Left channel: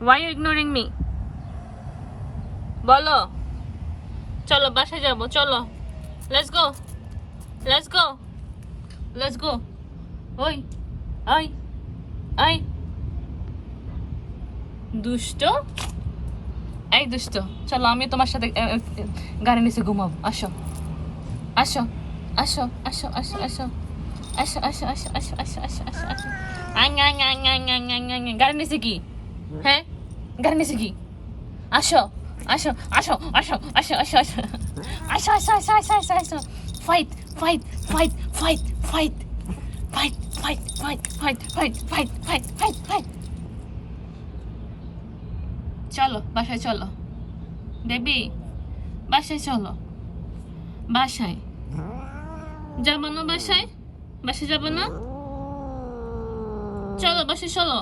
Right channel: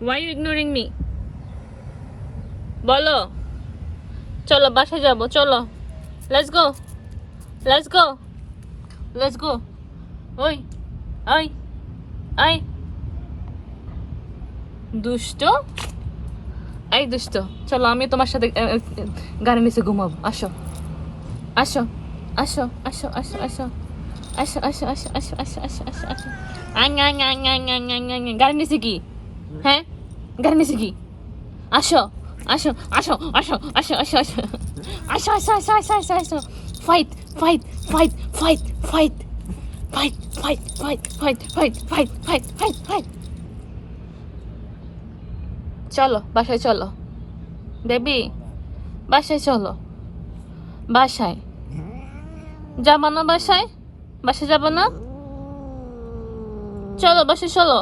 Why are you ignoring me? বলো চলো বাসায় যাবো চলো let's go let's go let's go ওই ওই ওই দুষ্ট এই দুষ্ট চলো আমি তোমার সাথে গাড়ি নিচে ঘুমাবো আসো আসো আসো আসো আসো আসো আসো আসো আসো আসো আসো আসো আসো আসো গাড়ি নিচে কি হ্যাঁ গাড়ি নিচে কি আসো আসো আসো আসো আসো আসো আসো আসো আসো আসো আসো আসো আসো fight fight fight fight fight fight fight fight fight fight fight fight fight fight চলো বাসায় চলো বেবি বাসায় চলো বাসায় যাবো না বাসায় বাসায় যাবো না চলো বাসায় চলো